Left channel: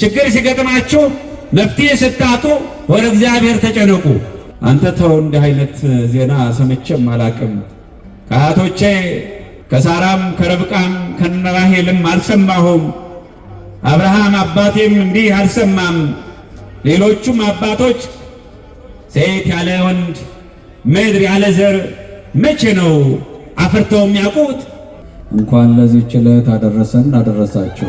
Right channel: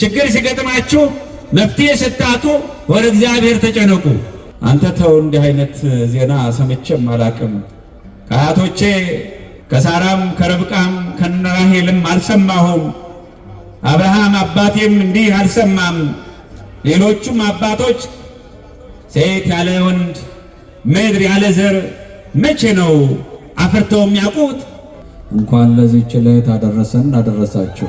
ችግር ሲገጥማችሁ መፍትሄ ስታጡ ወደ እግዚአብሔር ተጨነቁ። አንተ ተው እንዲህ አይነት ዜና ሰምቼም አላቅም፣ ከአያቶቼ ከሳራም ከረብቃም ከነራሄልም አልሰማሁም፣ አብርሃም አባቴም እንዲህ አልሰማም። ሌሎቹም አባቶች ሴት ያለ ወንድ ምድር ያለ ዘር መቼ ነው አፍርተው የሚያውቁት? እንኳን ለዚህች ዕለት አደረሰን አደረሳችሁ።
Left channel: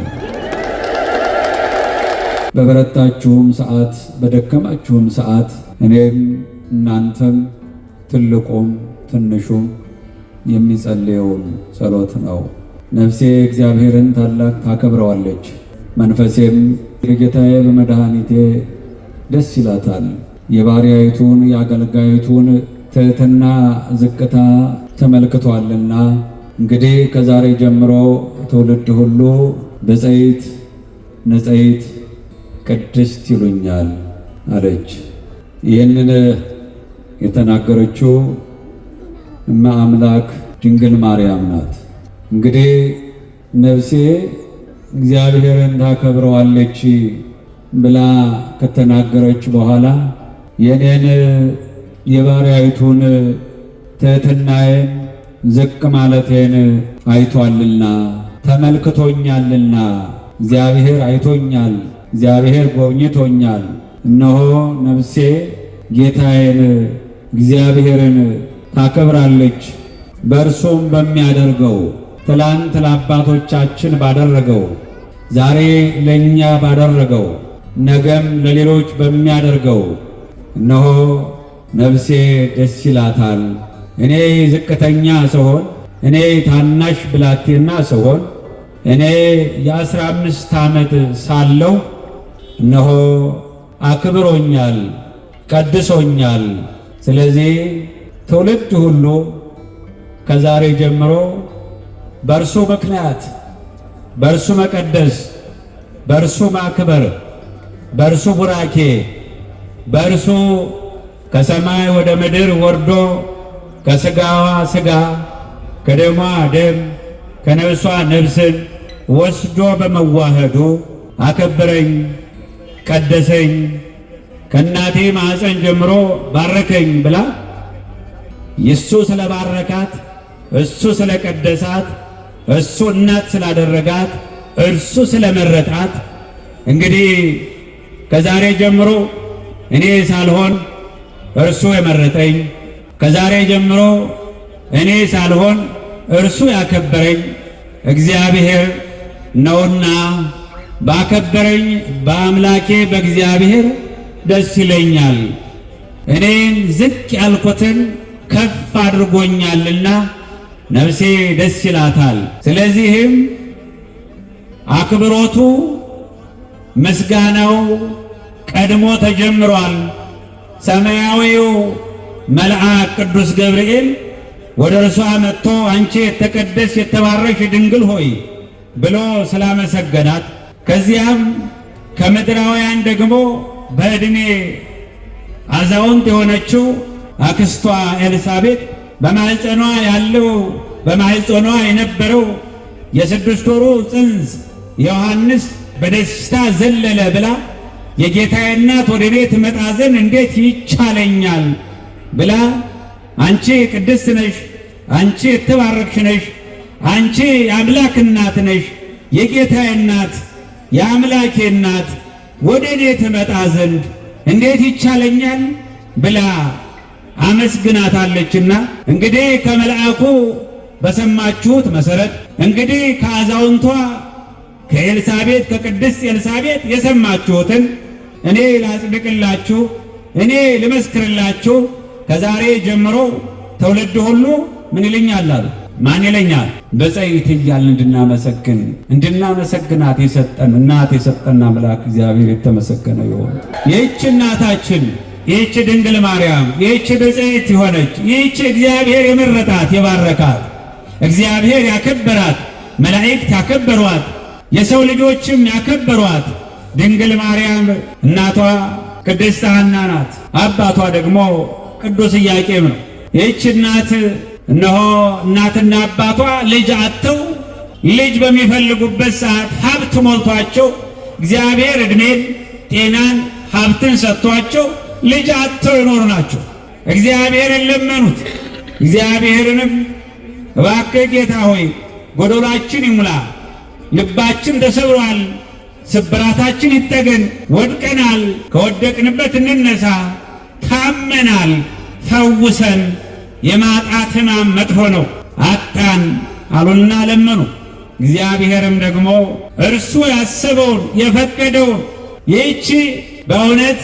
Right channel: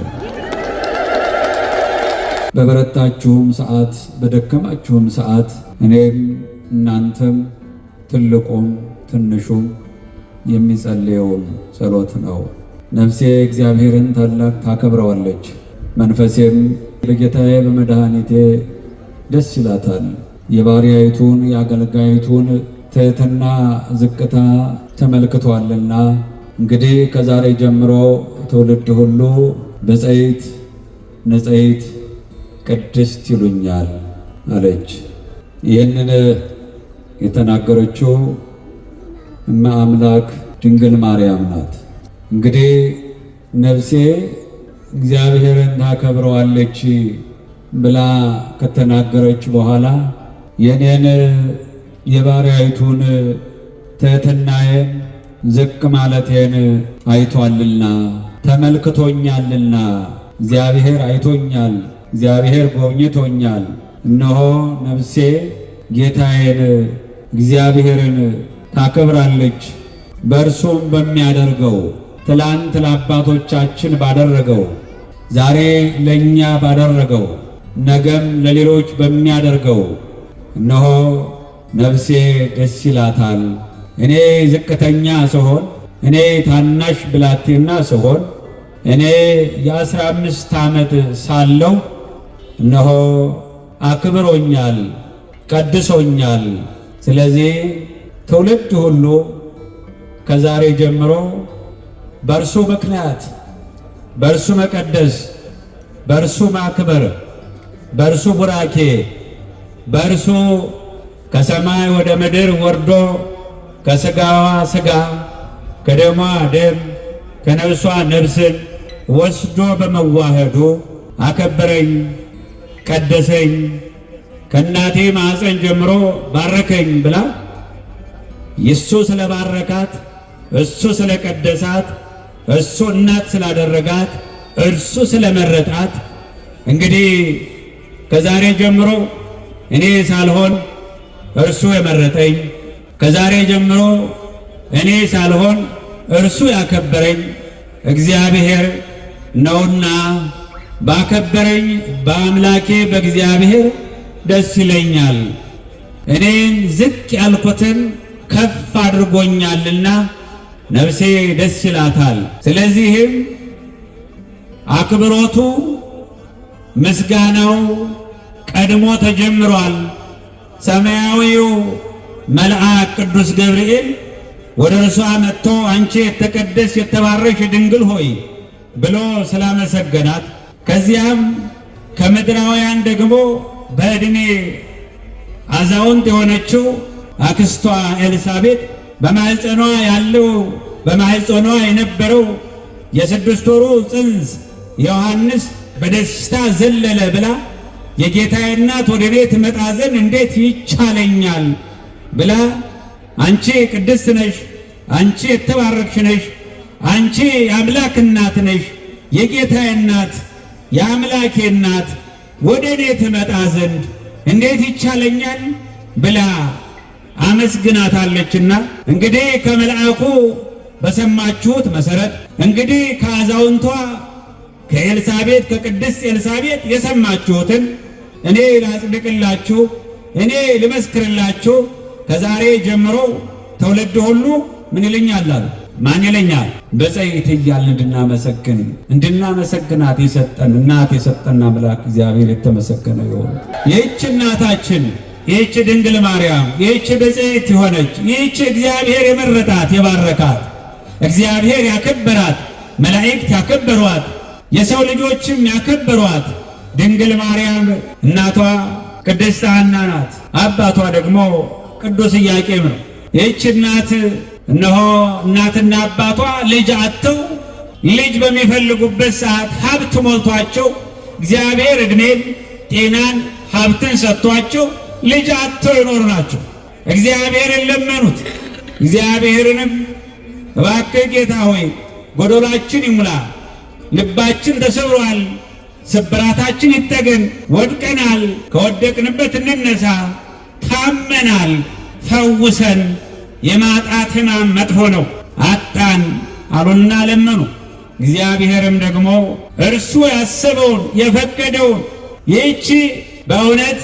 በበረታችሁም ሰዓት በደከማችሁም ሰዓት እኔም እናንተም ትልቁም ትንሹም የሚጸልየውን ጸሎት ነው። ነፍሴ እግዚአብሔርን ታላቅ ታከብረዋለች፣ መንፈሴም በጌታዬ በመድኃኒቴ ደስ ይላታል። የባሪያይቱን የአገልጋይቱን ትሕትና ዝቅታ ተመልክቷልና እንግዲህ ከዛሬ ጀምሮ ትውልድ ሁሉ ብፅዕት ንጽሕት ቅድስት ይሉኛል አለች። ይህንን የተናገረችው እመ አምላክ ድንግል ማርያም ናት። እንግዲህ ነፍሴ እግዚአብሔርን ታከብረዋለች ብላ ከተናገረች በኋላ የኔን የባሪያይቱን ትሕትናዬን ዝቅ ማለቴን አይቷልና ተመልክቶኛልና፣ እግዚአብሔር አይቶኛል፣ እግዚአብሔር ጎብኝቶኛል። እነሆ ነፍሴ ጌታዬን እግዚአብሔርን ታከብራለች። በእርሱም በሚያደርገው ትላንት ለአባቶቻችን ባደረገው ዛሬ ለእኛ ባደረገው ነገም ለሌሎች በሚያደርገው እነሆ ነፍሴ ደስ ይላታል። እኔ ዝቅተኛ ስሆን፣ እኔ ታናሽ ብላቴና ስሆን፣ እኔ የ15 ዓመት ሳለሁ እነሆ አክብሮኛል፣ ቀድሶኛል። ስለዚህ ትውልድ ሁሉ ከዛሬ ጀምሮ በእርሱ ምክንያት በእርሱ መቀደስ፣ በእርሱ ማክበር፣ በእርሱ ቡራኬ፣ በእርሱ ከሰማይ ወደ ምድር ወርዶ ከሥጋዋ ሥጋ ከደሟ ደም ከነፍሷ ነፍስን ወስዶ በመዋህዱ አከበረኝ፣ ቀደሰኝ፣ ከእናቴ ማኅፀን ጀምሮ ባረከኝ ብላ እሱ ስለባረካት፣ እሱ ስለቀደሳት፣ እሱ እናት ስላደረጋት፣ እርሱ ስለመረጣት እንግዲህ ከዛሬ ጀምሮ እኔ ሳልሆን እርሱ የመረጠኝ፣ ከዛሬ ጀምሮ እኔ ሳልሆን እርሱ ያከበረኝ እግዚአብሔር ነውና ባከበረኝ በአምላኬ በእግዚአብሔር ደስ ይለኛል። እኔን ዝቅ ያልኩትን ከፍ አድርጎኛልና ነፍሴ ደስ ይላታል። ስለዚህም አክብሮቱ ምስጋናው ቀድሞ ተጀምሯል። ሰማያዊው መልአክ ቅዱስ ገብርኤል ወደ እርሷ መጥቶ አንቺ የተቀደስሽ የተባረክሽ ድንግል ሆይ ብሎ ስላመሰገናት፣ ከዚያም ከምድራውያን ደግሞ በዕድሜ አዛውንት የሆነችው አክስቷ ኤልሳቤጥ በማኅፀኗ ያለው በማኅፀኗ የነበረው የ6 ወሩ ጽንስ ዮሐንስ በደስታ ዘለለ ብላ የጌታዬ እናት ወደ ቤት መጣ ዘንድ እንዴት ይቻለኛል ብላ አንቺ ቅድስት ነሽ፣ አንቺ የተባረክሽ ነሽ፣ አንቺ የአምላክ እናት ነሽ፣ የጌታዬ እናት የአምላኬ እናት ወደ እኔ ትመጣ ዘንድ እንዴት ይቻለኛል ብላ አመስግናታለችና እንግዲህ ከመልአኩ በሰማችሁት መሰረት እንግዲህ ከአዛውንቷ ከኤልሳቤጥ ከቅድስት ኤልሳቤጥ የሰማችሁትን እኔ ላጽድቅላችሁ፣ እኔ ልመስክርላችሁ። ከዛሬ ጀምሮ ትውልድ ሁሉ ምን ይለኛል አሉ? ማን ይለኛል? ብፅዕት እያልን እንድናመሰግናት የሰጠን እናት የሰጠን አምላክ እግዚአብሔር የተመሰገነ ይሁን። ይህች እናታችን ይህች ድንግል ማርያም ይህች ብፅዕት የሆነች ይህች እግዚአብሔር የመረጣት የባረካት እግዚአብሔር ያከበራት መላእክት ያከበሯት የሰው ልጆችም ያከበሯት ድንግል ማርያም እናቷ ቅድስት ሐና ናት። አባቷ ደግሞ ቅዱስ ኢያቄም ነው። ይህች እናት እነሆ እናትና አባቷ ልጅ አጥተው ልጅ በሚፈልጉበት ሰዓት ሀብት ሞልቷቸው እግዚአብሔር ዕድሜን፣ ጤናን፣ ሀብትን ሰጥቷቸው ልጅ አጥተው የኖሩ ናቸው። እግዚአብሔርን ለመኑት። እግዚአብሔርንም እባክህ ጌታ ሆይ ጎዶላችን ይሙላ፣ ልባችን ተሰብሯል፣ ስብራታችን ይጠገን፣ ወድቀናል፣ ከወደቅንበት እንነሳ፣ ታመናል፣ ፈውሰን፣ የማጣት ሕማም መጥፎ ነው፣ አጣን አሉና ለመኑ። እግዚአብሔርም ደግሞ እርሱ ያሰበውን የፈቀደውን ይህች በእውነት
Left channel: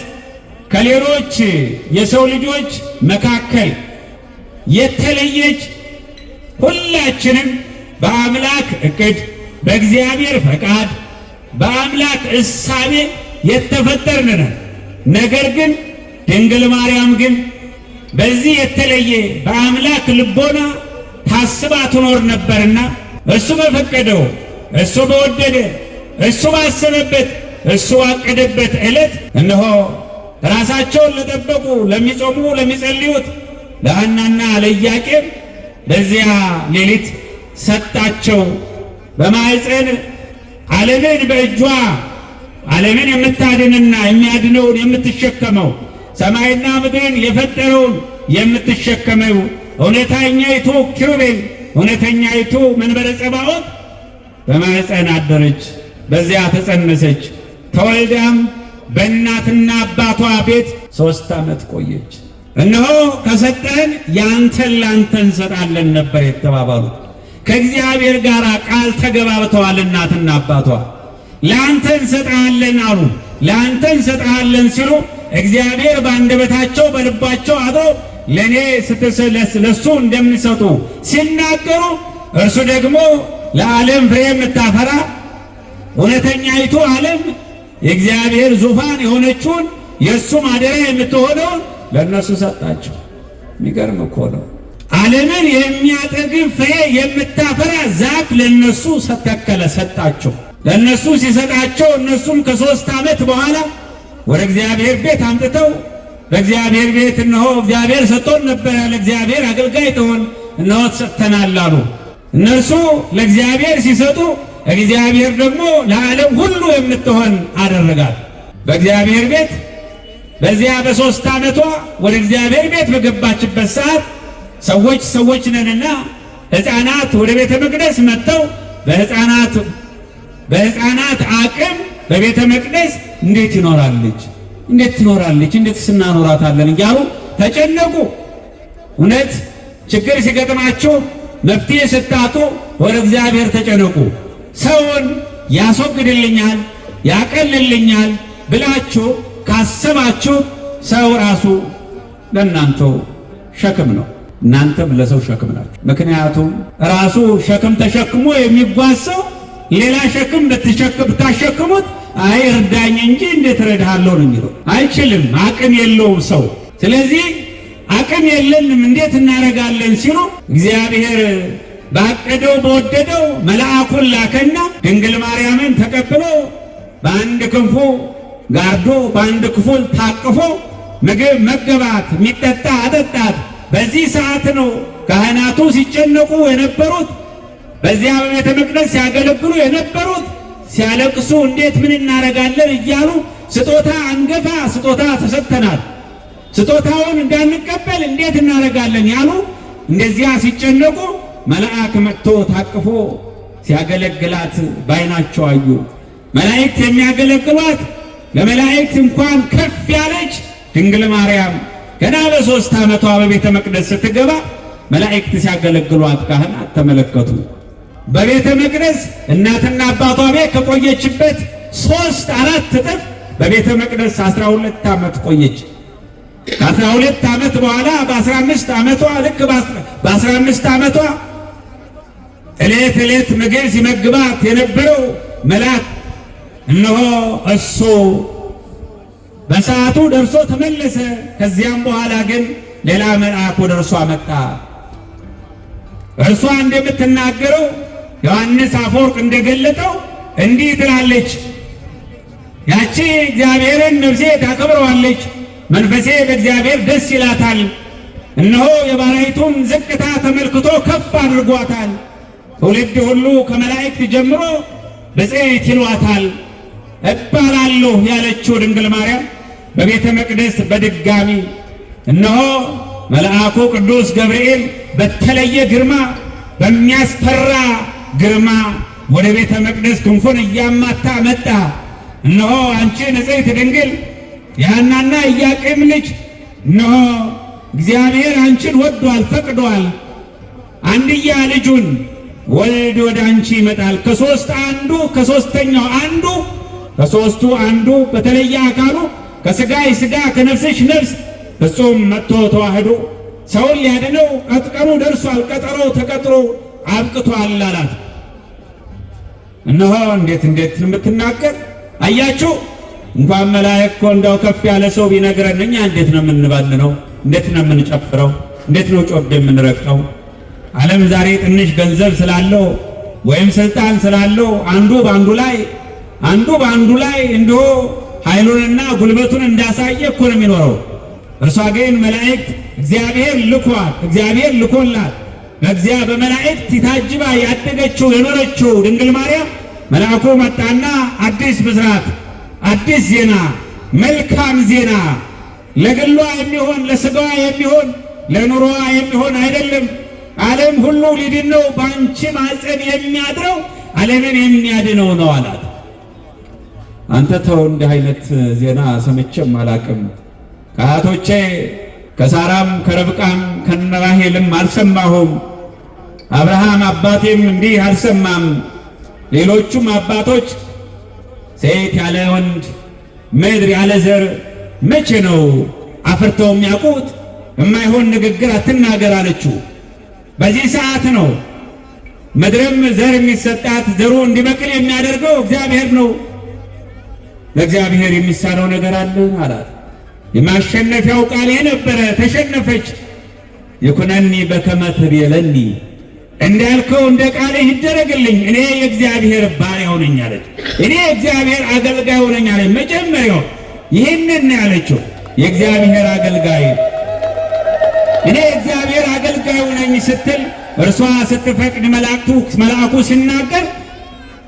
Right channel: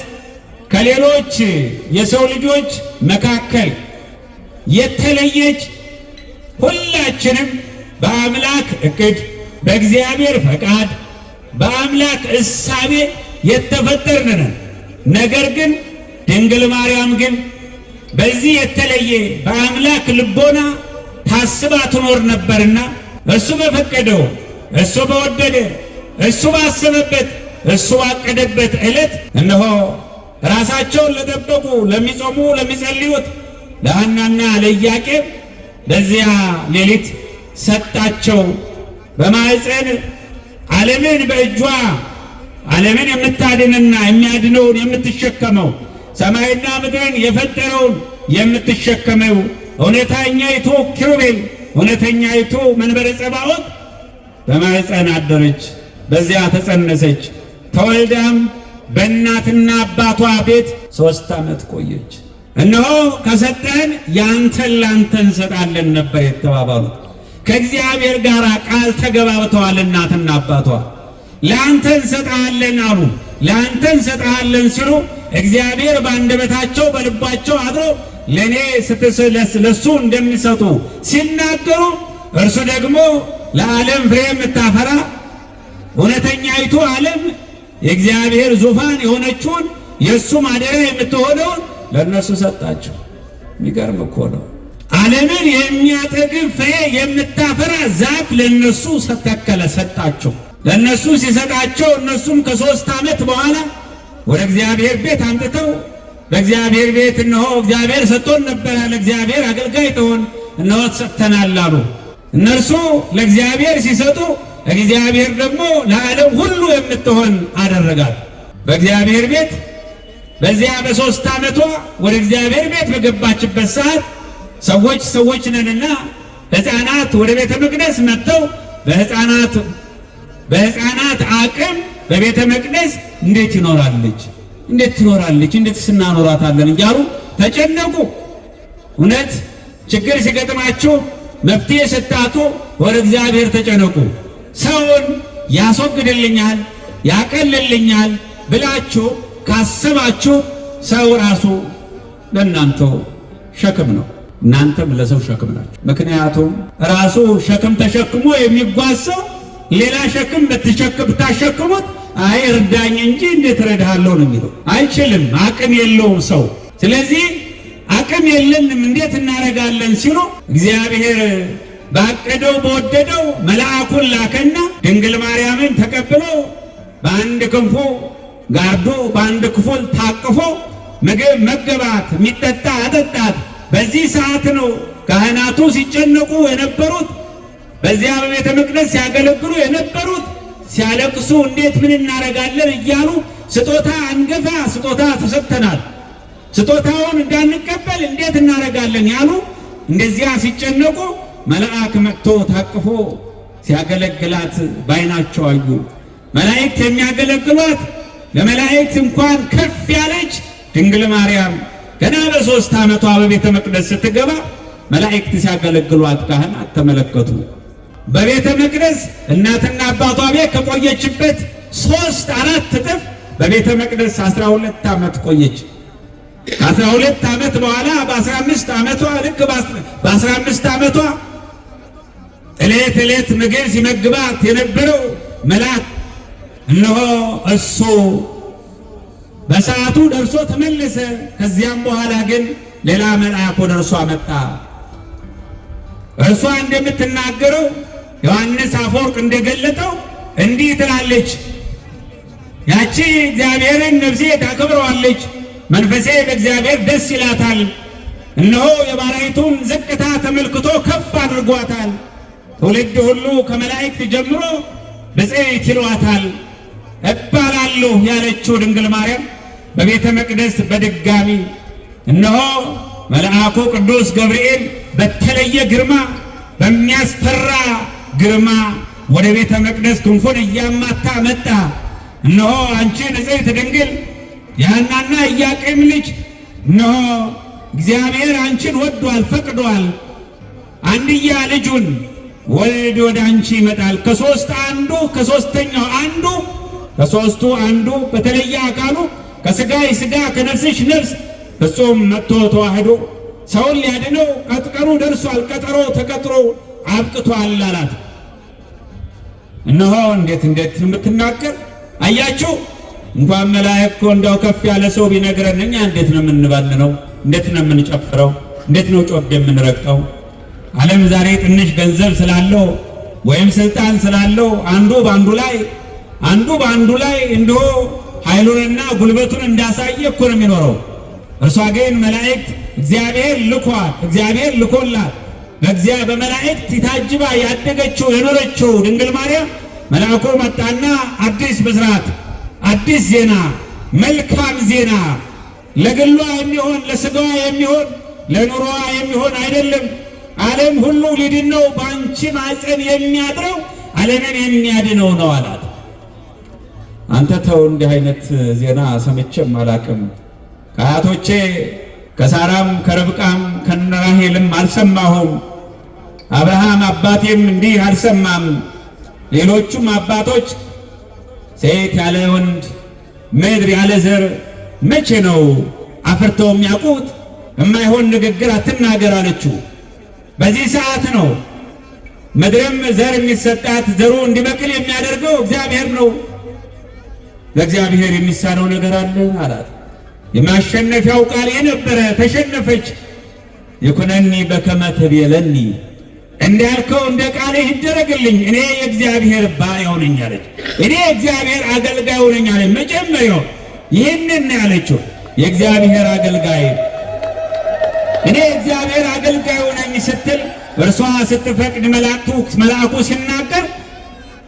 ከሌሎች የሰው ልጆች መካከል የተለየች ሁላችንም በአምላክ ዕቅድ በእግዚአብሔር ፈቃድ በአምላክ እሳቤ የተፈጠርን ነን። ነገር ግን ድንግል ማርያም ግን በዚህ የተለየ በአምላክ ልቦና ታስባ ትኖር ነበርና እሱ በፈቀደው እሱ በወደደ እሱ ባሰበበት እሱ ባቀደበት ዕለት እነሆ ራሳቸውን ለጠበቁ ለሚጾሙ ለሚጸልዩት ለሐናና ለኢያቄም በዚያ ሌሊት ሰጣቸው። በማኅፀን ዓለምን በእጇ ዓለምን የምታድንና የሚያድነውን የምትሸከመው ሰማይና ምድርን የፈጠረውን የምትሸከመው እውነተኛይቱ ኪሩቤል እውነተኛይቱ መንበረ ጸባዖት በማኅፀን አደረች። በዚያ ተጸነሰች። ተወልዳም በእናትና አባቷ ቤት 3 ዓመት ቆየች። እነሆ ከሰጠን ያንተን ላንተ እንሰጣለን ነበር የተባባሉት። ከእግዚአብሔር ጋር ቃል ተገባብተዋል። እናትና አባቷ ለአንተ እንሰጣለን አሉ። ለአንተ እንሰጣለን ሲሉ እግዚአብሔር በአንደበታቸው በልባቸው አድሮ ለእኔ ለሱ እንደምንሰጡ ሲናገሩ እርሱ ደግሞ ለዓለም ፍሬ የምታፈራ እውነተኛይቱ ዓለም የእግዚአብሔር ዙፋን የሆነችውን የእሱ ማደሪያ የምትሆነው ለእነሱ ሰጣቸው። የሚገርም እኮ ነው። ዓለምን የሚያጠግብ ፍሬ የምታፈራ ዛፍ ለእነሱ ተተከለ፣ ሰጣቸው። ለእነሱ ሲሰጣቸው እነሱም ከ3 ዓመት በኋላ ወደ እግዚአብሔር ቤት አምጥተው በእግዚአብሔር ቤት እነሆ እግዚአብሔር ሰጥቶን ነበረ፣ ለእግዚአብሔር አገልጋይ ትሆን እነሆ ተሰጥተናል አሉ። እነርሱ ለእግዚአብሔር ሲሰጡ እግዚአብሔር ደግሞ ለዓለም ሁሉ የምትሆን አደረጋት። በእግዚአብሔር ቤት በዚያ በ3 ዓመቷ ወደ እግዚአብሔር ቤት በገባችበት ሰዓት ሰዎች ነንና ሕፃናት ወደ ቤተ መቅደስ መጥተው በሕፃናት አቅም በቤተ መቅደስ እንዴት ትኖራለች? እንዴት ስናኖራታለን እያሉ ተጨነቁ። እውነት ችግር ሲገጥማችሁ መፍትሄ ስታጡ ወደ እግዚአብሔር ተጨነቁ። ሰውን ያስወግድልኛል ያቀልልኛል ብላችሁ ካሰባችሁ ሰው ራሱ ለእናንተ ሸክም ነው፣ እናንተም ለሰው ሸክም ናችሁ። ምክንያቱም ራሱ ሸክም ተሸክሞ የሚጓዝ ሰው ሌላ ሸክም ብታሸክሙት አይ እርዳኝ እንጂ እንዴት እረዳሃለሁ ነው የሚለው። አይችልም፣ አቅም የለውም ሰው። ስለዚህ አቅም የለንም እንዴት እናደርጋለን ሲሉ እግዚአብሔር ባቀደው በወደደው መልአኩን ላከና ድንግል ማርያምን ተቀብሎ በአንድ ክንፉ ጋርዶ በአንድ ክፍል ታቅፎ ምግብ መገባት፣ የሚጠጣ አጠጣት። በዚህ ሰዓት ነው ካህናቱ ሲጨነቁ የነበሩት፣ በዚያ በቤተ መቅደስ ሲያገለግሉ የነበሩት ሲያለቅሱ እንዴት ምን እናደርጋለን እያሉ ስጦታ አንገፋ ስጦታ ተሰጥተናል፣ ስጦታውን እንዳንቀበል እንዴት እናደርጋለን ያሉ እንደዚያ ሲጨነቁ መልአክ መጥቶ ታቅፎ ሲያገለግላት ባይናቸው አዩ። መላእክት የሚያገለግሏት ለመላእክት እንኳን ከፍ ያለች ድንግል ማርያም ገና በ3 ዓመቷ በቤተ መቅደስ ስትገባ መላእክት ሲያገለግሏት ካህናት ተመለከቱ። በቤተ መቅደስ እናትና አባቷ ቤት ከቆየችበት 3-4 እጥፍ በቤተ መቅደስ 12 ዓመት ቆየች። ከ12 ዓመት በኋላ በ15 ዓመቷ ልክ በ15 ዓመቷ ዕለት ምግብ ሲመግባት የነበረው መልአክ እነሆ እሱ በሰዓቱ ደርሶ ተመለሰ። ከዚያም በኋላ ግን ሌላ መልአክ ወደ እርሷ መጣ። እርሷ እንደምትናገረው ዮሐንስ አፈወርቅ እንደገለጠው እንዲህ ትላለች፣ ያቺ እግዚአብሔርን ነፍሴ ታከብረዋለች፣ መንፈሴ በእግዚአብሔር ደስ ይላታል። እነሆ የባሪያይቱን ዝቅታ ተመልክቶ ከፍ አድርጓታል። ትውልድ ሁሉ ከመላእክት ጀምሮ ብፅዕት ይሏታል። እባላለሁ ያለችው ድንግል ማርያም በቤተ መቅደስ በድጋሚ እነሆ መልአኩ ቅዱስ ገብርኤል በተለየ ግርማ በሚያስፈራ ግርማ ወደ ቤተ መቅደስ ክንፉን እያማታ መጣ። እነሆ አንቺ ንጽሕት ድንግል የሐናና ኢያቄም ልጅ እነሆ እግዚአብሔር አንቺን ወዷል ፈቅዷል። አንድያ ልጁን ወልድ ወደ አንቺ ይመጣል። ከሦስተኛው አንዱ ከሦስቱ አንዱ በተለየ አካሉ ከሥጋይ ሥጋ ከነፍስሽ ነፍስ ፍጹም መጥቶ ተዋህዶ ሰውን ሊያድነው ቀጠሮ ደርሷል። ቀጠሮ ተቀጥሮ አብቅቷል አላት። እነሆ እንዴት የምትናገር አያችሁ። እንኳን መላእክት እኮ እንደው ከፍ ያለ ሰው ቢነግረን እኛ እንዴት ነው የምንባልነው? እንዴት ነው የምንጨፍረው? እንዴት ነው ጮቤ የምንረግጠው? ዓለም ዛሬ ትንሽ ገንዘብ ስላለው ወይም ስልጣን ስላለው አንዱ በአንዱ ላይ እንዲሁ ኃይሉንና ጉልበቱን እንዳሳየ እኮ ነው የሚኖረው። እርሷ ግን መላእክት እግዚአብሔር ልኮላት በመላእክት ታጅባ ያደገችው የኖረችው ድንግል ማርያም መልአኩ መጣና አዲስ ብስራት፣ አዲስ ዜና፣ መልካም ዜና ለግሏ የሚሆን ለሥጋዋ የሚሆን ለኑሮዋ የሚሆን አይደለም። ዓለም ሁሉ ሊድን ነው፣ በአንቺ ማኅፀን የሚያድረው ዓለምን የሚያድነው ነው አላት። አንተ ተው፣ እንዲህ አይነት ዜና ሰምቼም አላቅም። ከአያቶቼ ከሳራም ከረብቃም ከነራሄልም አልሰማሁም። አብርሃም አባቴም እንዲህ አልሰማም። ሌሎቹም አባቶች ሴት ያለ ወንድ ምድር ያለ ዘር መቼ ነው አፍርተው የሚያውቁት? የማይሆን ንግግር አትናገር አለችው። በዚህ ሰዓት ነው ምድርም ዘር የሚሰጣት ዘሩ እንዲበቅል የሚያደርገው እግዚአብሔር ነው። ለእግዚአብሔር የሚሳነው ነገር አለ አላት። የማሸነፊያው ቃል ነበረ። ተሸነፈች። ይኩነኒ በከመ ትቤለኒ፣ እንዳልከው እንደ ቃልህ ይደረግልኝ፣ እኔ የእግዚአብሔር ባሪያው ነኝ አለች። እኔ የእግዚአብሔር አገልጋዩ ነኝ አለች። መጀመሪያው ይህንን ያለችው የእግዚአብሔር አገልጋይ፣ እኔ የእግዚአብሔር አገልጋዩ ነኝ ስትል እርሷ ስትፈቅድ መልአኩ ሲናገር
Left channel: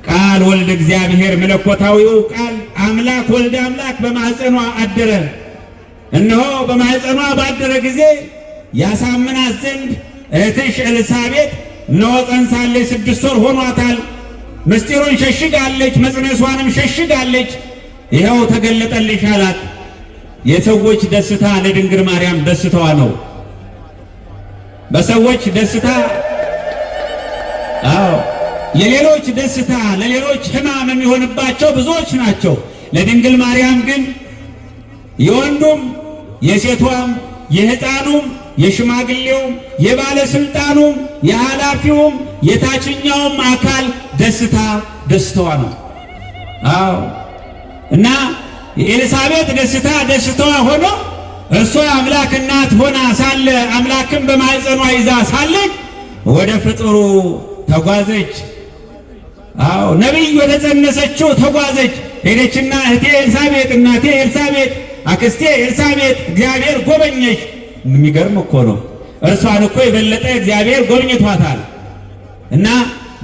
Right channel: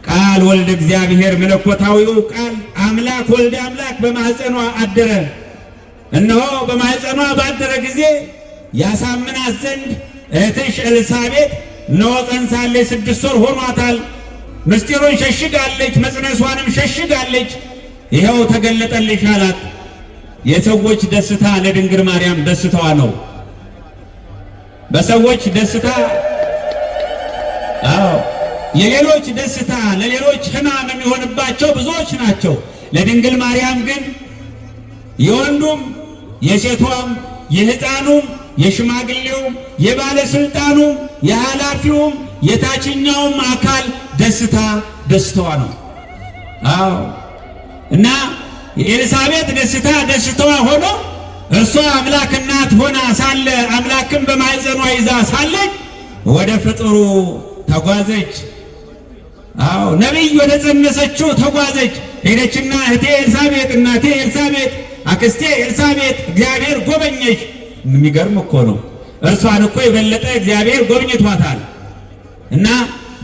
ቃል ወልድ እግዚአብሔር መለኮታዊው ቃል አምላክ ወልድ አምላክ በማኅፀኗ አደረ። እነሆ በማኅፀኗ ባደረ ጊዜ ያሳምናት ዘንድ እህትሽ ኤልሳቤጥ እነሆ ጸንሳለች፣ 6 ወር ሆኗታል። ምስጢሩን ሸሽጋለች፣ መጽነሷንም ሸሽጋለች። ይኸው ተገለጠልሽ አላት። የሰዎች ደስታ ለድንግል ማርያም ደስታዋ ነው። በሰዎች ደስታ የሌሎች ደስታ ለሌሎች ሕማም የሚሆንባቸው ብዙዎች ናቸው። ለድንግል ማርያም ግን የወንዱም የሴቷም የሕፃኑም የሽማግሌውም የባለስልጣኑም የኃላፊውም የታችኛውም አካል ደስታዋ ነው። እና የኤልሳቤጥ ደስታዋ ሆኖ እርሷ አምላክ እናት ሆና ሳለ አምላክን በማኅፀኗ ይዛ ሳለች ወደ ፍጥሩ ተጓዘች። ነቢይ ወደ ጸነሰችው ተጓዘች። ሄደችና እህቴ ኤልሳቤጥ፣ እናቴ ኤልሳቤጥ፣ አክስቴ ኤልሳቤጥ እግዚአብሔር ጎበኘሽ። የሚገርም እኮ ነው። እርሷን እኮ የበለጠ እግዚአብሔር ጎብኝቷታል። እና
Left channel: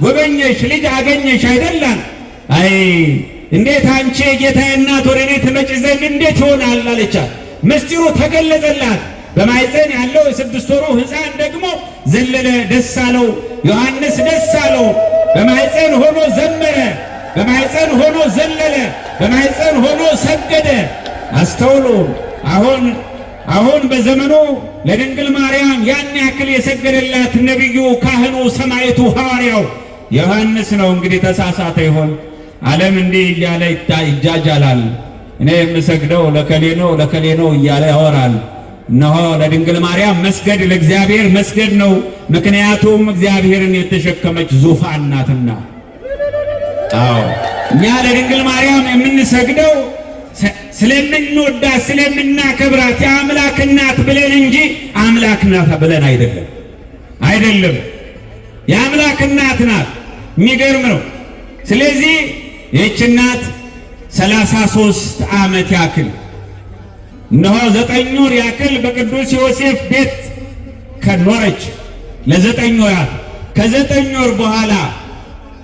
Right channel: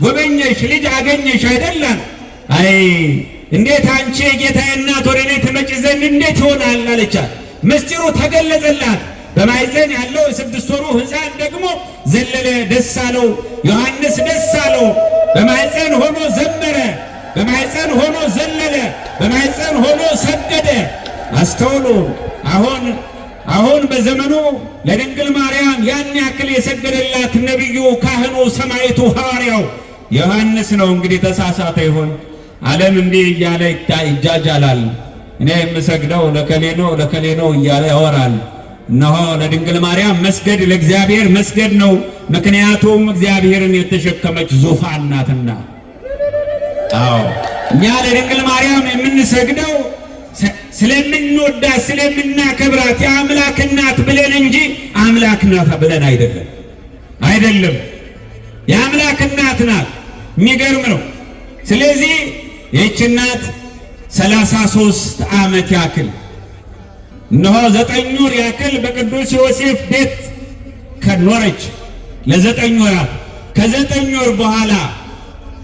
ጎበኘሽ፣ ልጅ አገኘሽ አይደለም? አይ እንዴት አንቺ የጌታዬ እናት ወደ እኔ ትመጪ ዘንድ እንዴት ይሆናል አለቻት። ምስጢሩ ተገለጸላት። በማኅፀን ያለው የ6 ወሩ ሕፃን ደግሞ ዘለለ፣ ደስ አለው። ዮሐንስ ደስ አለው። በማኅፀን ሆኖ ዘመረ፣ በማኅፀን ሆኖ ዘለለ፣ በማኅፀን ሆኖ ሰገደ። አስተውሉ። አሁን በዘመኑ ለድንግል ማርያም ያን ያክል የሰገደላት ነቢዩ፣ ካህኑ፣ ሰማዕቱ፣ ሐዋርያው ዮሐንስ ነው። እንግዲህ ተሳሳተ ይሆን? ዓለም እንዲህ እያለ ይጃጃላል። እኔ የምሰግደው ለከሌ ነው እያለ ያወራል። እነሆ ለድንግል ማርያም መስገድ ለእግዚአብሔር መስገድ ነው። ምክንያቱም እግዚአብሔርን የተሸከመች ዙፋን ናትና። እኛ ለድንግል ማርያም የምንሰግደው ስለምንወዳት ስለምናከብራት የአምላክ እናት ብለን እንጂ አምላክ ናት ብለን አይደለም። የአምላክ እናት ናት። የሚገርም ነው። ስለዚህ ይህች እናት 33 ዓመት ያክል እነሆ 9 ወር ያክል በቅዱስ ዮሴፍ ቤት ከኖረች። ለ9 ወራት ከ9 ወር በኋላ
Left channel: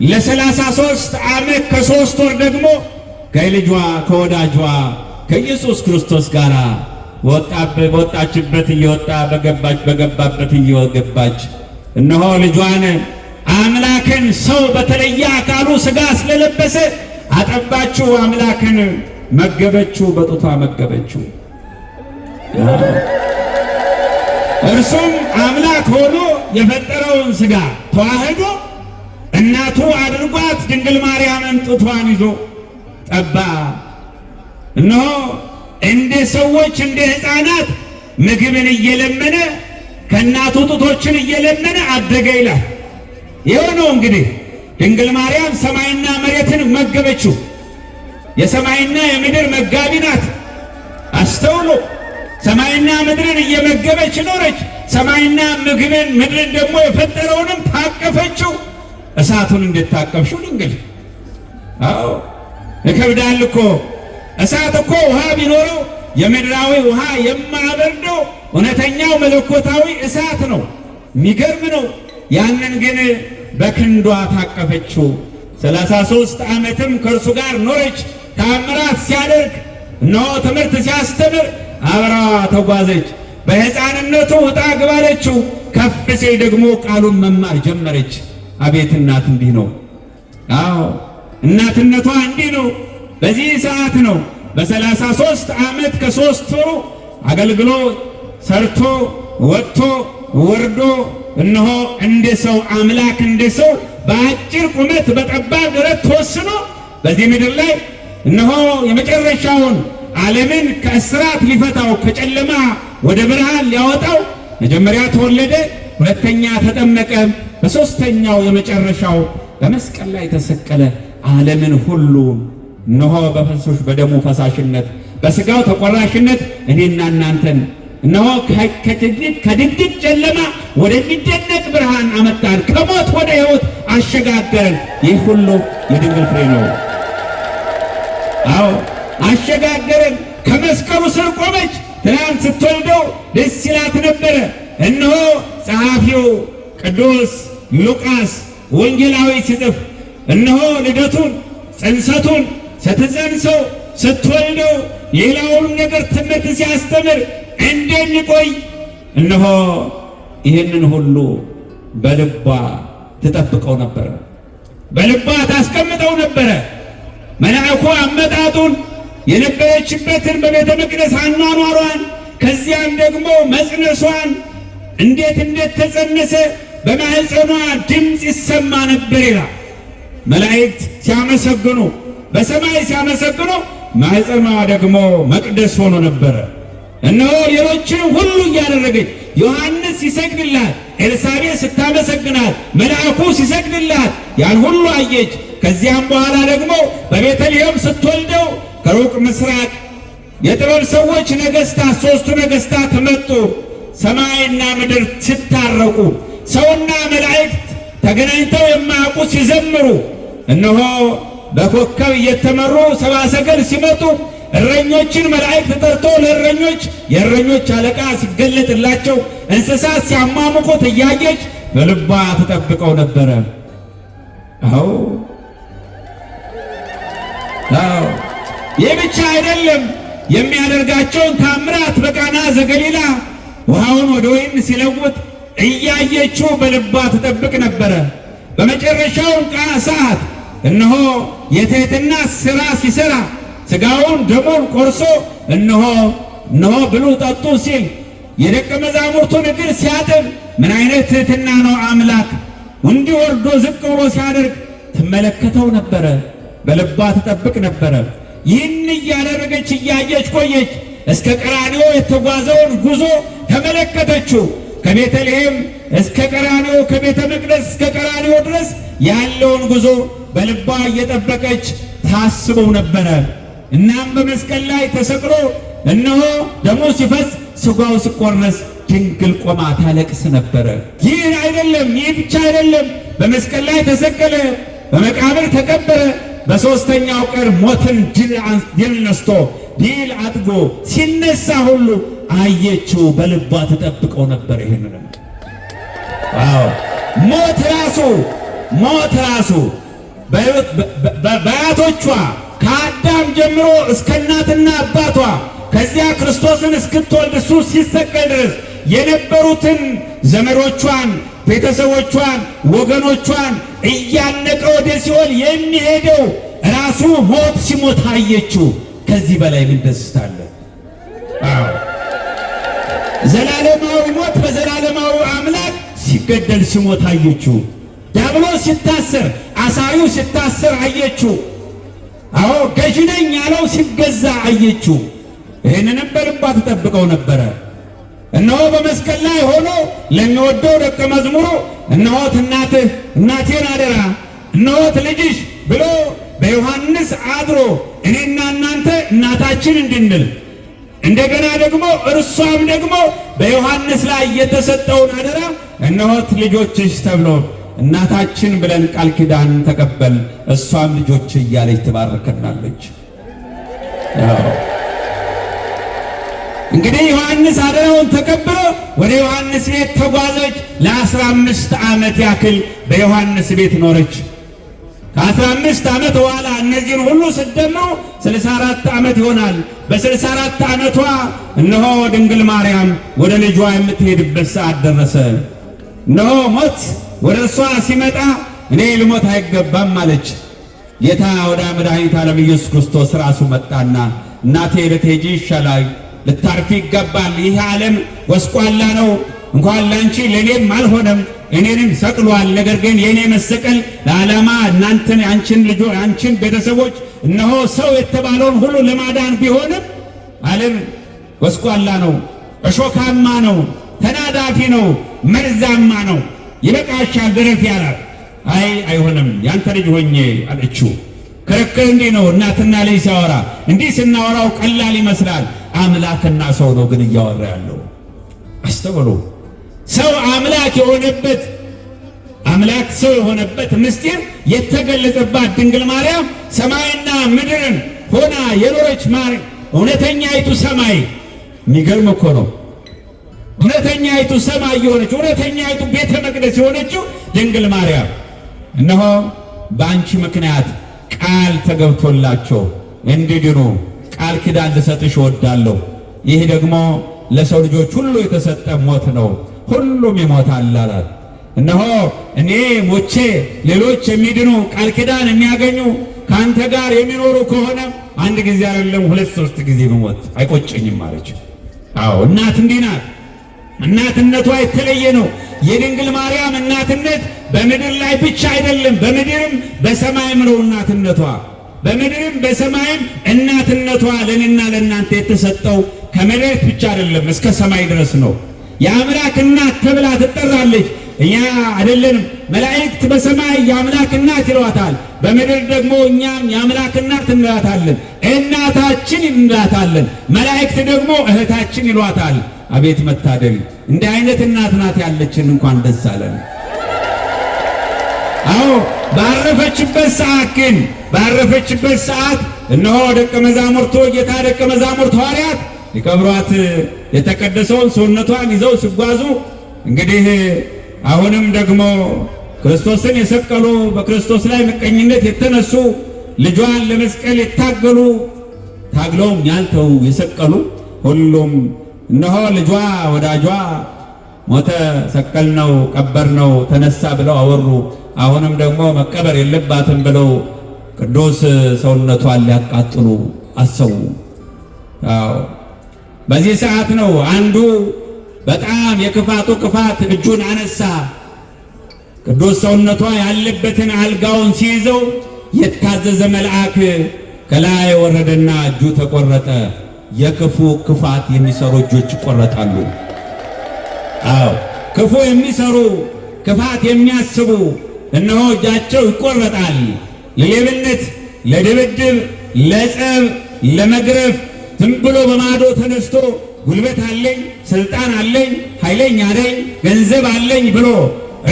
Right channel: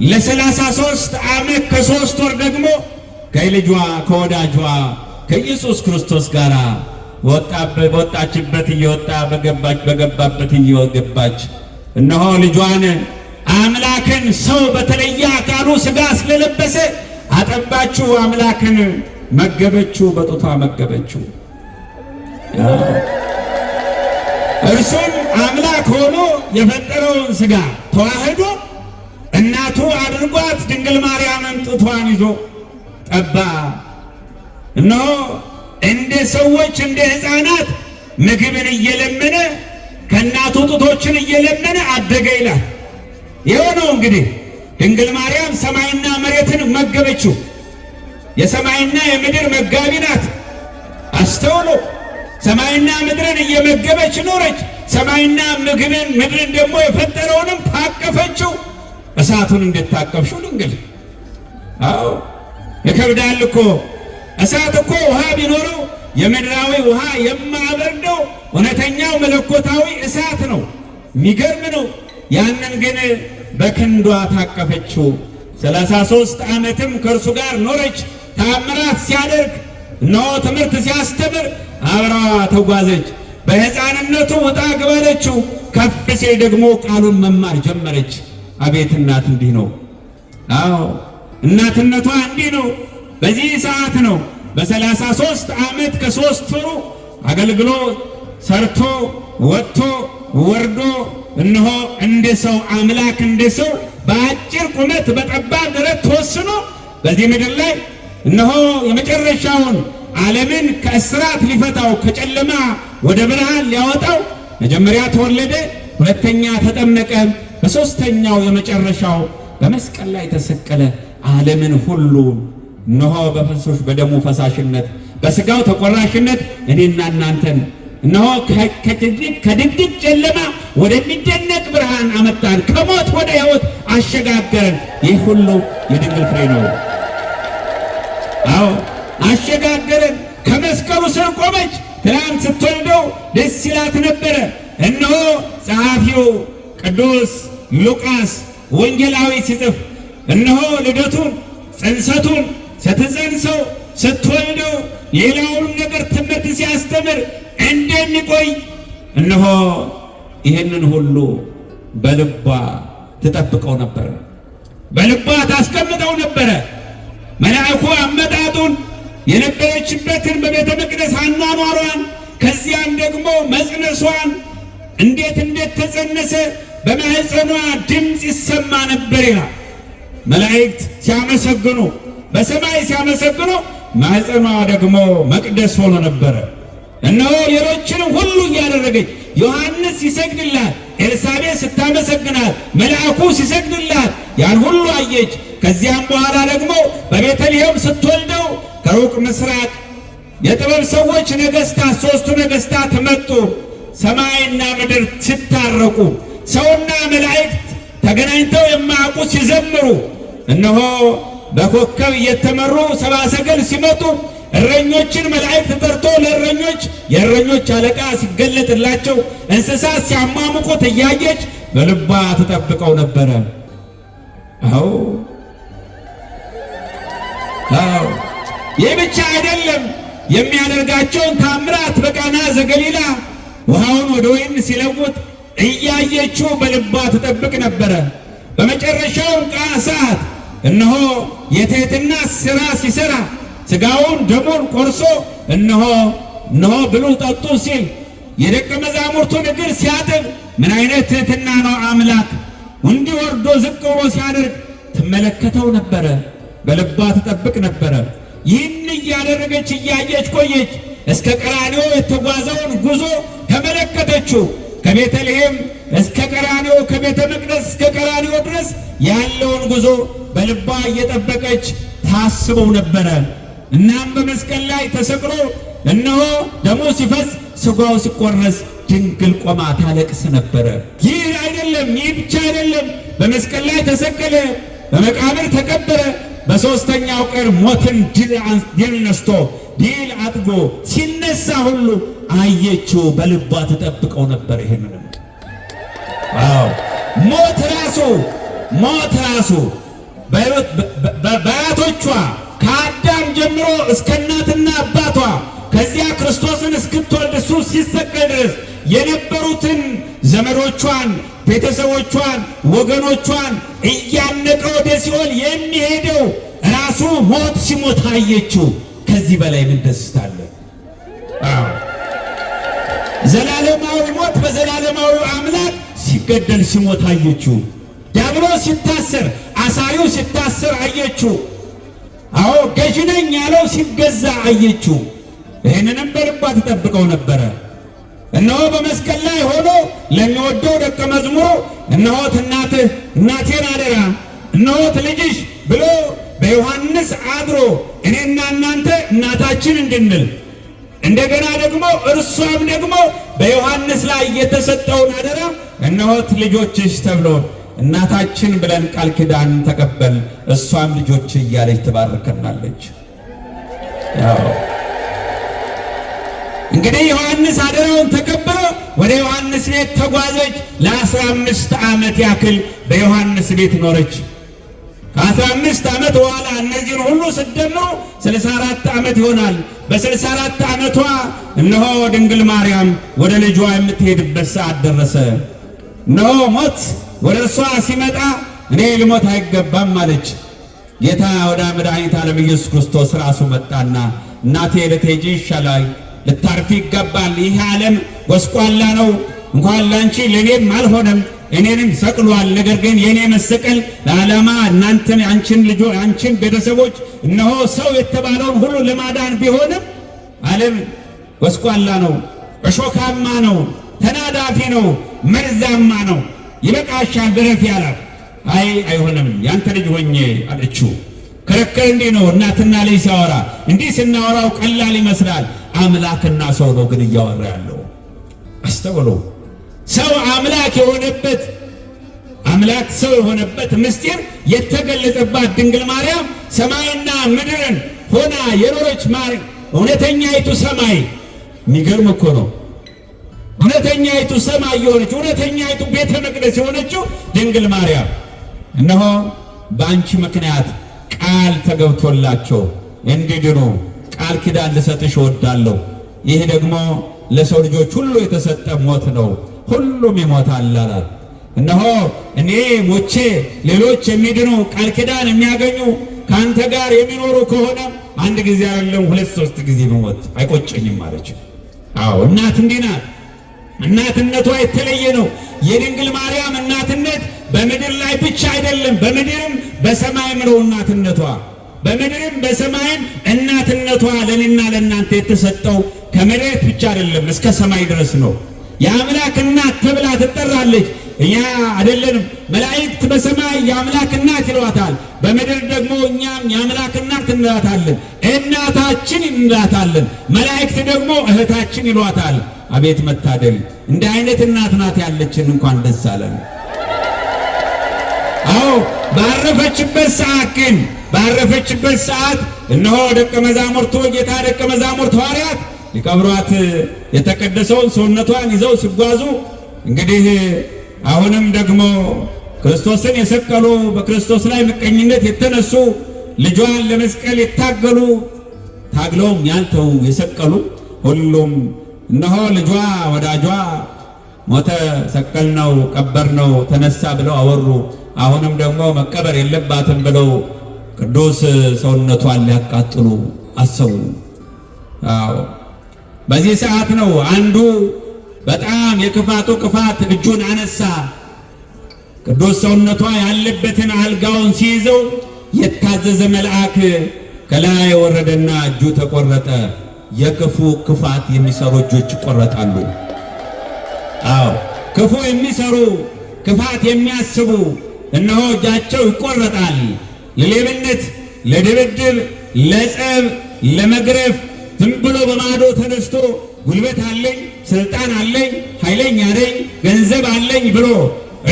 ለ33 ዓመት ከ3 ወር ደግሞ ከልጇ ከወዳጇ ከኢየሱስ ክርስቶስ ጋር በወጣችበት እየወጣ በገባበት እየገባች እነሆ ልጇን አምላክን ሰው በተለየ አካሉ ሥጋ ስለለበሰ አጠባችው፣ አምላክን መገበችው፣ በጡቷ መገበችው። እርሱም አምላክ ሆኖ የፈጠረውን ሥጋ ተዋህዶ እናቱ አድርጓት ድንግል ማርያምን ጡቷን ይዞ ጠባ። እነሆ እንደ ሰዎች እንደ ሕፃናት ምግብን እየለመነ ከእናቱ ጡቶችን እየለመነ አደገ ይላል። የሆነው እንግዲህ ድንግል ማርያም ሰማይና መሬትን መገበችው። የሰማይና የምድር መጋቢ ናት። አስተውሎ ሰማይና ምድርን እየመገበች ኖረች። ሰማይና ምድርን ደግሞ የፈጠረውንም ታቀፈችው። እሳቱን እንድታቀፍሽው ድንግል። አዎ ይከብዳል እኮ እሳት እኮ ውሃ ቢኖረው የምድራዊ ውሃ የማያበርደው እውነተኛው መለኮታዊ እሳት ነው። የሚገርም ነው። ያንን ግን በክንዷ ታቀፈችው። 33 ዓመትም ከእርሱ ጋር ኖረች። ተአምራት ሲያደርግ እነሆ ትምህርት ሲያስተምር አብራዋ ተጓዘች። በሕፃንነቱ ውጣ ግባለችው። ከፍ ሲል ደግሞ ቃሉን መማር ጀመረች። አቤት እናት እንዲህ ነው። አዎ እናትነቷ እንዲህ ነው። በዚህ ሰዓት ነው በ33 ዓመት ከ3 ወሩ አገልግሎ ሰርቶ ወጥቶ ወርዶ እነሆ እንደ ሰው አምላክ እንደ ሰው በአጭር ቁመት በጠባብ ደረት ተወስኖ በዚህ ምድር ላይ እነሆ የመጨረሻውን ዓለምን ከእስራት ሊፈታው ከጨለማ ወደ ብርሃን ሊያወጣው መጀመሪያ ተወለደ፣ ሁለተኛ ተጠመቀ፣ በሦስተኛው የመጨረሻው በመስቀል ላይ ተሰቀለ። ዓለምን ሁሉ እነሆ በፈሶች በደሙ ፈሳሽነት በሥጋው ተቆራሽነት እኔና እናንተን እነሆ ከድቅድቅ ጨለማ ወደሚደነቅ ብርሃን አመጣን። ከሞት ወደ ሕይወት አሸጋገረን። ይህ ሁሉ የድንግል ፍሬ ነው። አዎ አሸጋገረን። ከመስቀሉ ስር ቆመች። ትናንት ስትወልደው ደስ ይላት ነበረ። እነሆ ጸሐፊው ቅዱስ ሉቃስ ወንጌላዊ ሲጽፍ እነሆ ልደቱን ጽንሰቱን ስትጸንሰው ስትወልደው ሌላውን ነገር ትምህርት ሲያስተምር እንደሚቆይ እነሆ ይህንን ሁሉ በልቧ ትጠብቀው ነበረ፣ በልቧ ታስቀምጠው ነበረ። መልአኩ አመጣጡን የነበረችበትን በቤተ መቅደስ አኗኗሯን ከዚያም ደግሞ መጽነሷን እንዴት ተጸነሰ በማህፀኗ ድምፅ ይሰማ ነበር ይላል። መላእክት ሲያመሰግኑ በሰማይ ሲያመሰግኑ ማህፀኗ ደግሞ መቅደስ ሆኖ ነበረ። እነሆ ሌሎችንም ሁሉ እያደረገች ዮሐንስ ሲሰግድላት፣ ኤልሳቤጥ ስታመሰግናት፣ መልአኩ ሲሰግድላት ያን ሁሉ አየች። ከዚያም በኋላ ደግሞ በቤተልሔም ስትወልደው ከሩቅ ምስራቅ የጥበብ ሰዎች ነገሥታት፣ 3ቱ ነገሥታት መጡ። ሰማይና ምድር ሲታረቁ፣ ሰውና መላእክት ተገናኝተው የማያውቁ ሲዘምሩ፣ እነሆ በኮከብ እየተመሩ ሰብአ ሰገል ሲመጡ እረኞችን መላእክት ጠርቶ ለእረኞች የእረኞች አለቃ ሲገለጥላቸው እንስሳት ሲያሟሙቁት እያየች በልቧ ትጠብቀው ነበረ። አዎ ይህ ብቻ አይደለም። የሚያደርጋቸውን ታምራት በቃና ዘገሊላ ውሃውን ወደ ወይን ሲለውጥ እያየችው በልቧ ትጠብቅ ነበረ። በመጨረሻው ሰዓት እነሆ የትሕትና ሥራ ሲሠራ ሥጋውን ደሙን ቆርሶ እነሆ ብሉ ጠጡ ሲል የደቀ መዛሙርቱን እግር ሲያጥብ ምን አይነት ትሕትና ነው! አምላክ እንዲህ ወርዶ ዝቅ ብሎ ሲያደርግ ትመለከተው ነበረ። በልቧ ትጠብቅ ነበረ። ይህን እያደረገች እያየች ቆየች። እስከ ቀራንዮ የተጓዘውን ጉዞ ተመለከተችው። ከቤተልሔም እስከ ቀራንዮ፣ ከቤተ መቅደስ እስከ ቀራንዮ ድረስ ያለውን ጉዞ በልቧ እየጠበቀች ታስበው ነበረ። እናም በመስቀል ላይ ተሰቅሎ እነሆ ደሙ ሲፈስ ሥጋው ሲቆረስ ድንግል ቆማ ታለቅስ ነበረ። ይህ አይደለም፣ ይህ ብቻ አይደለም። በመስቀል ላይ ተሰቀለ፣ በመቃብር ተቀበረ። በሦስተኛው ቀን ሞትን ድል ነስቶ ድል አጥጎ ሲነሳ ሁሉ አየችው። በልቧ ተጠብቀው ነበር። ይሄንን ሞት ራሱ በአያቶቿ ከአዳም ጀምሮ እስከ እናትና አባቷ ከዚያ ክርስቶስን እስክትወልድ እሱ ሲሰቀል ድረስ የነበሩትን ዘመዶቿን፣ ቤተሰቦቿን፣ ወገኖቿን እያነቀ ወደ ሲኦል የሚሄደው ራሱ ሞት ሲሞት አየችው። ከዚህ በላይ ምን ደስታ አለ? ዘላለማዊ ሞት በዘላለማዊ አምላክ ሲገደል ሲሞት አየችው። ዲያብሎስ ሲታሰር፣ አሳሪው ሲታሰር አየችው። አዎ ገዢ ነኝ ያለው ሲገዛ አየችው። ይህንንም በልቧ ትጠብቀው ነበረ። እነሆ በመስቀል ላይ ሆኖ ለሚወደው ደቀ መዝሙሩ እነሆት እናትህ፣ እናቴን አደራ፣ እነሆት ልጅሽ ብሎ በዮሐንስ አድሮ እኔና እናንተ እናታችን እንድንል እንደገና ደግሞ እርሷም ደግሞ በዮሐንስ ላይ የተሰጠውን አደራ እነሆት ልጆችሽ ተብሎ እናታችን ብለን ቃል ኪዳን ተቀበል፣ እሷም ልጆች እያለች ትባርከናለች። እንግዲህ ዮሐንስ አደራውን ተቀብሎ ወደ ዮሐንስ ቤት ተጓዘች። ለ15 ዓመት ያክል በዮሐንስ ቤት ኖረች። ከ15 ዓመት በኋላ እነዚህን ሁሉ ስደምሩ 64 ዓመት ይሆናል። በ64 ዓመቷ እነሆ ድንግል ማርያም ወደ ልጇ የምትሄድበት ሰዓት ደረሰ። እነሆ ሞት ወደ እርሷ ሲመጣ እኔ ልሞት አይገባም አለች። ጌታ ወደ መድኃኒተ ዓለም ኢየሱስ ክርስቶስ ራሱ መጣና እናቴ ልትሄጂ ይሻላል፣ ልታርፊ ይገባል። ይህ ዓለም ጎስቋላ ነው፣ እንኳን ላንቺ ለእኔም አልሆነም፣ እኔንም ሰቅሏል። ነገር ግን የእኔ መሰቀል ለዓላማ እናንተን አንቺን ቤተሰቦች እነሆ ሰው የተባለውን ሁሉ ለማዳን ቢሆንም ዓለም ጎስቋላ ነው፣ እሾካማ ነው፣ ተናዳፊ ነው፣ መርዛማ ነው። ይበቃሻል ድረፊ አላት። አይ አይሆንም ያንተ ልጅ ሆኜ አለችው። ክርክር እንዲህ ነው። እናትና ልጅ ሲያወራ እንዲህ ስናወራው ቀላል ይመስላል። አምላክና ሰው ነው ግን እያወራ ያለው። አስተውሉ። ሰው አምላክ የሆነበት አምላክ ሰው የሆነበት ምስጢር የተገለጸባት ድንግል ማርያም ሰማይና ምድርን ሆና የኖረች እውነተኛይቱ ሰማይ። የሚገርም እኮ ነው። እውነተኛይቱ ሰማይ የሆነች እውነተኛይቱ ቤተ መቅደስ የሆነችው ድንግል ማርያም እነሆ በአንቺ ምክንያት ቃል ተገብቶላቸው እንዲድኑ ቃል ኪዳን ልሰጥሽ እወዳለሁ። ይህ ደግሞ ለሰው ልጆች ሁሉ የተሰጠ ሞት ነው፣ ሁሉም ይሞታል አላት። እነሆ እኔ ሞቼ ሌሎች የሚድኑ ቃል ኪዳን የሚያገኙ ከአንተ ጋር የሚኖሩ ከሆነ አንድ ጊዜ አይደለም 2-3 ጊዜ መሞት አይቆጨኝም አለች። አዎ እናት እንዲህ ናት። እናትነቷ የተለየ ነው። የድንግል ማርያም እናትነት በምድር ላይ ብቻ አይደለም፣ በምድርም በሰማይም ነው እናትነቷ። በምድርም በሰማይም እናትነቷ ለእኔና ለእናንተ የተሰጠው ከመሬት ብቻ አይደለም እስከ ሰማይ ድረስ ነው። የአምላክ እናት ተብላ ትጠራለች። እኛ አይደለንም። መላእክት በሰማይ የአምላክ እናት ይሏታል፣ በምድር ደግሞ እኛም የአምላክ እናት እንላታለን፣ እናታችን እንላታለን። መላእክት ደግሞ እህታችን ይሏታል። አቤት መታደል! እንደ አይነት እናት ናት ያለችን። እንኳን ደስ አለን። አዎ ባረፈችበት ሰዓት እነሆ ደቀ መዛሙርቱ ጌታ ደቀ መዛሙርት ሐዋርያት ሊቀብሯት የተቀደሰውን ሰውነቷን ይዘው ሲጓዙ እንግዲህ አሁንም ደግሞ ክርስቶስን የሰቀሉ በክርስቶስ ላይ ምቀኝነት የተነሱ ልጇን ለመስቀል የታገሉ ታግለውም ያልተው የሰቀሉ ሁሉም እነሆ ልጇ ወዳጇ ሞተ፣ ሰቀል ነው፣ ቀበር ነው፣ ተነሳ ብለው አወሩ። አሁንም ደግሞ መቀበር የለባትም ብለው ቅዱስ ሰውነቷን ሊያቃጥሉ አሰቡ። በዚህ ሰዓት ነው አንዱ በጣም የክፋቱ ክፋት እጁን አነሳ። ቅዱስ ሰውነቷ ያለበትን አልጋውን ሲይዘው የታዘዘ መልአክ ከላይ ወረደና እጁ ተቆረጠ። የክፉ ክፋት የሚሰሩ እጆች ይቆረጣሉ። አዎ ክፉ የሚሰሩ ክፋት የሚያስቡ እነሆ እጃቸው ይቆረጣል። ለሌብነት፣ ለድብድብ፣ ለጸብ፣ ለመግረፍ ዝም ብሎ በማዶ ተነስቶ ጉልበት አለኝ፣ ስልጣን አለኝ፣ ኃይለኛ ነኝ፣ ገንዘብ አለኝ ብሎ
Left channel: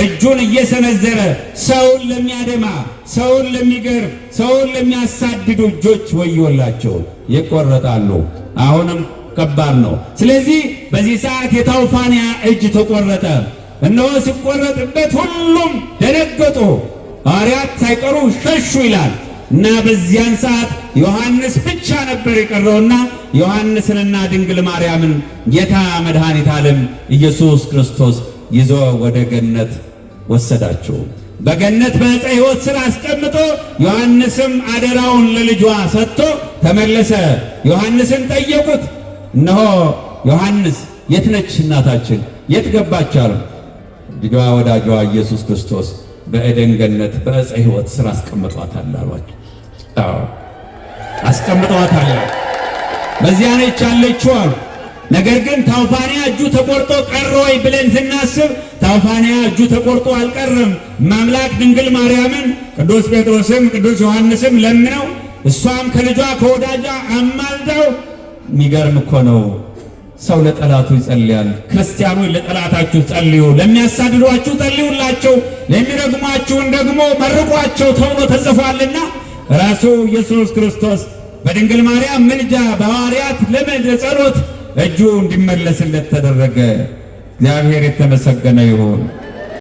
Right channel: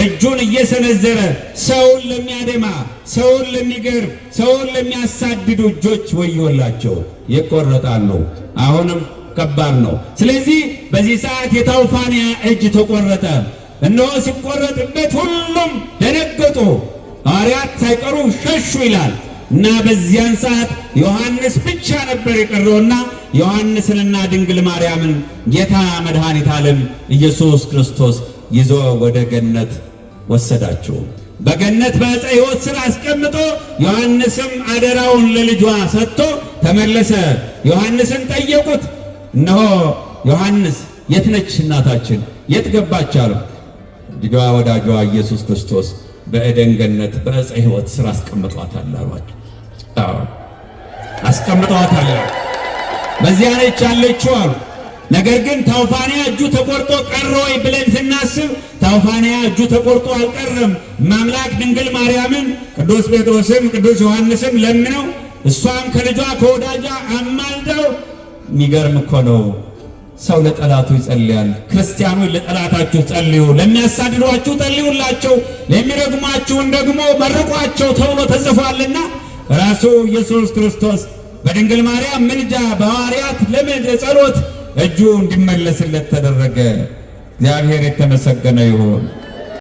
እጁን እየሰነዘረ ሰውን ለሚያደማ፣ ሰውን ለሚገርፍ፣ ሰውን ለሚያሳድዱ እጆች ወዮላቸው፣ ይቆረጣሉ። አሁንም ከባድ ነው። ስለዚህ በዚህ ሰዓት የታውፋንያ እጅ ተቆረጠ። እነሆ ሲቆረጥበት ሁሉም ደነገጡ፣ ሐዋርያት ሳይቀሩ ሸሹ ይላል። እና በዚያን ሰዓት ዮሐንስ ብቻ ነበር የቀረውና ዮሐንስንና ድንግል ማርያምን ጌታ መድኃኒተ ዓለም ኢየሱስ ክርስቶስ ይዞ ወደ ገነት ወሰዳቸው። በገነት በዕፀ ሕይወት ስር አስቀምጦ ዮሐንስም አደራውን ለልጇ ሰጥቶ ተመለሰ። ዮሐንስን ጠየቁት። እነሆ ዮሐንስ የት ነች እናታችን? የት ገባች አሉ። ልጇ ወዳጇ ኢየሱስ ክርስቶስ በኤደን ገነት በዕፀ ሕይወት ስር አስቀምጧታል አሏቸው። አስቀምጧታል፣ በዚያ ነች ያለችው አሉ። ነገር ግን ታውፋንያ እጁ ተቆርጦ ቀረ ወይ ብለን ስናስብ ታውፋንያ እጁ ተቆርጦ አልቀረም። ማምላክ ድንግል ማርያምን ቅዱስ ጴጥሮስም ቅዱስ ዮሐንስም ለምነው እሷም ከልጇ ከወዳጇ አማልደው። የሚገርም እኮ ነው። ሰው ለጠላቱ ይጸልያል። ክርስቲያኖች ለጠላታችሁ ጸልዩ፣ ለሚያሳድዷችሁ ጸልዩላቸው፣ ለሚረግሟችሁን ደግሞ መርቋቸው ተብሎ ተጽፏልና ራሱ ኢየሱስ ክርስቶስ በድንግል ማርያም ምልጃ በሐዋርያት ልመድ ጸሎት እጁ እንዲመለስለት ተደረገ። እግዚአብሔር የተመሰገነ ይሁን።